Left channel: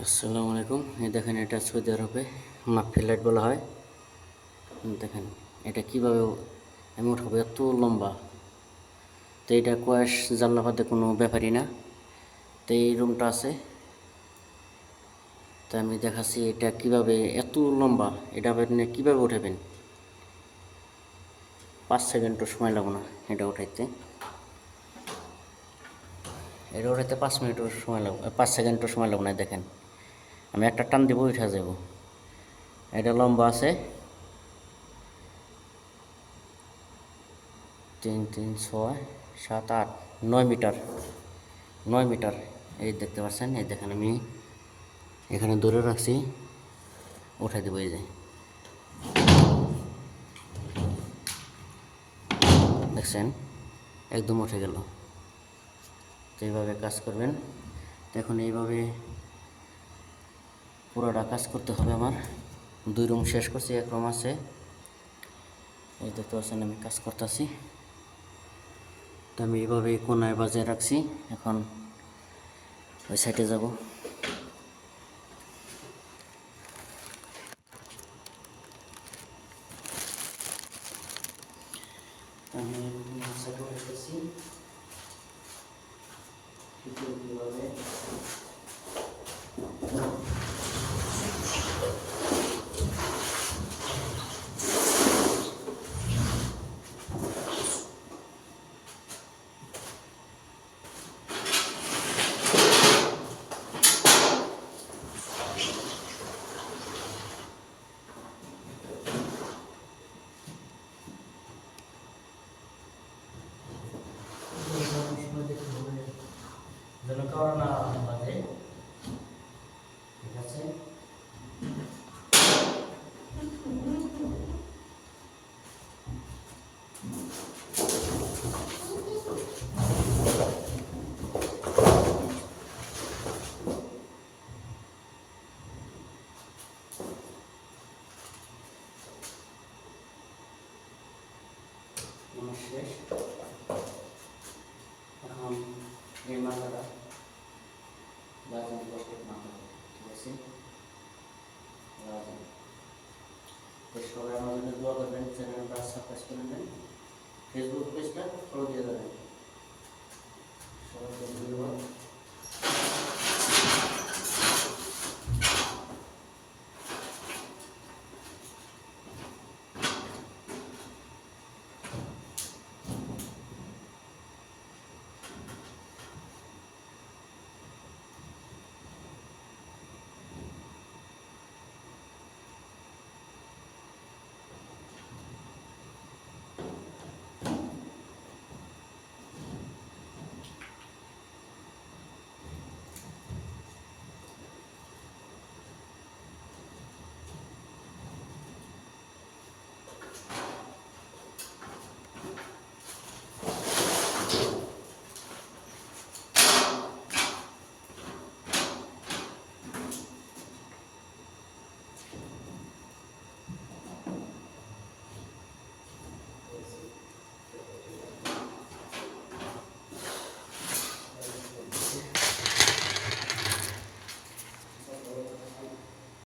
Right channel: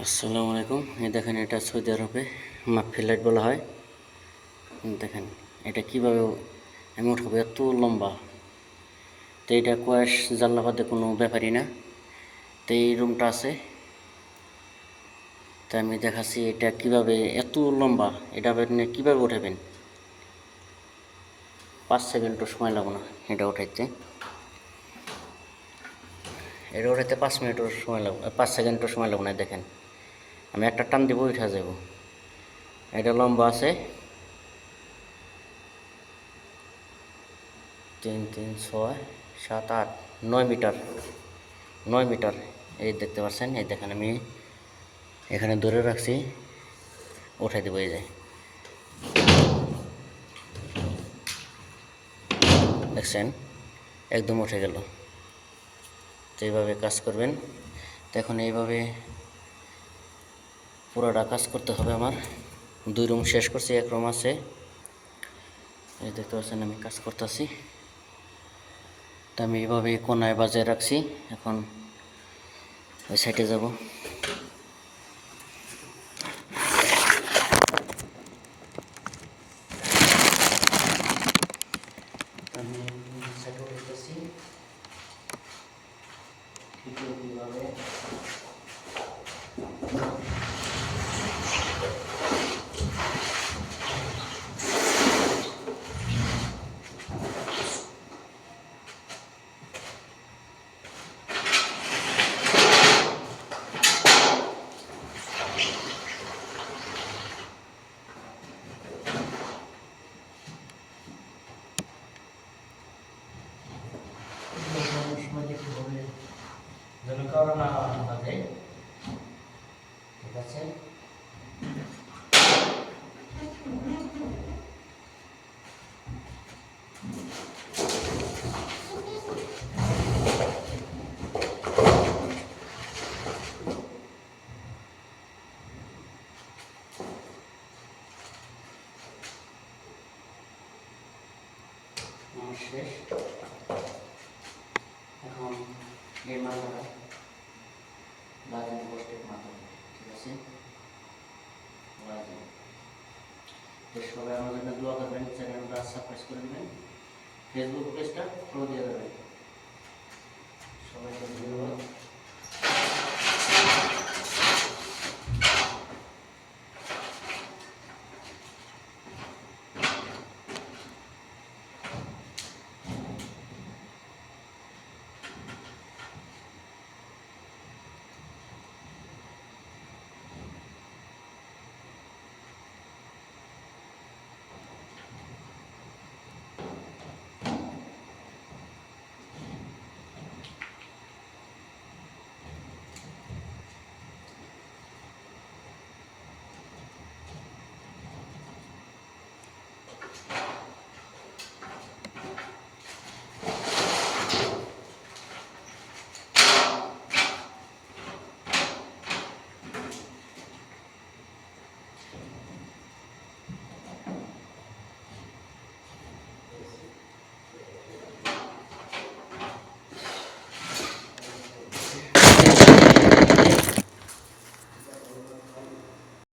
আসসালামু আলাইকুম। এই দেখেন, এটা সৌদি আরবে মাফি লাইট বলা হয়। দেখেন, এটা কীভাবে আমি উঠাবো এত লম্বা। তো এটা কয়েস জানলাবাদে কোনো ব্যাপারই না। তো এই রুমটা আছে। তো আমি দেখাচ্ছি এটা কীভাবে এত লম্বা। এটা আপনি কীভাবে উঠাবেন? পাঁচ সেকেন্ডও সময় লাগবে না এটা উঠাইতে। এটা উঠাইতে পাঁচ মিনিটও সময় লাগবে, পাঁচ সেকেন্ডও সময় লাগবে না, দেখেন। আমি একটা টান দিব, উঠা যাব। এটা লম্বা আছে। তিন তিন, ছয়, সাত, আট, নয় মিটার। নয় মিটার। এই দেখতে পাচ্ছেন, এই দেখেন আমি এখানে ধরে রাখছি। উঠাই দেবো, এই যে। দেখছেন? একদম উঠে গেল। তো এইভাবে কাজ করবেন। তো এখন এইভাবে পুরোটা কাজ করতে হবে আমার। দুই রুম শেষ করছি, এক রুম আছে। এই দেখতে পাচ্ছেন, আমি কাজ করতেছি। তো আমি এইভাবে কোনায় বাজায় রাখছি। এখন ওই সাইডে যাব আমি সাইডে রাখতেছি ঠিক এইভাবে সময় দেখতে হবে যেন কারও না বাজে ঠিক আছে শেষ। এখন এই মাথাটা বাজার পোস্টের বাজার তো সবাই আমার জন্য দোয়া করবেন চ্যানেলটা সাবস্ক্রাইব করে নেবেন ফেসবুক পেজটা ফলো দিয়ে দেবেন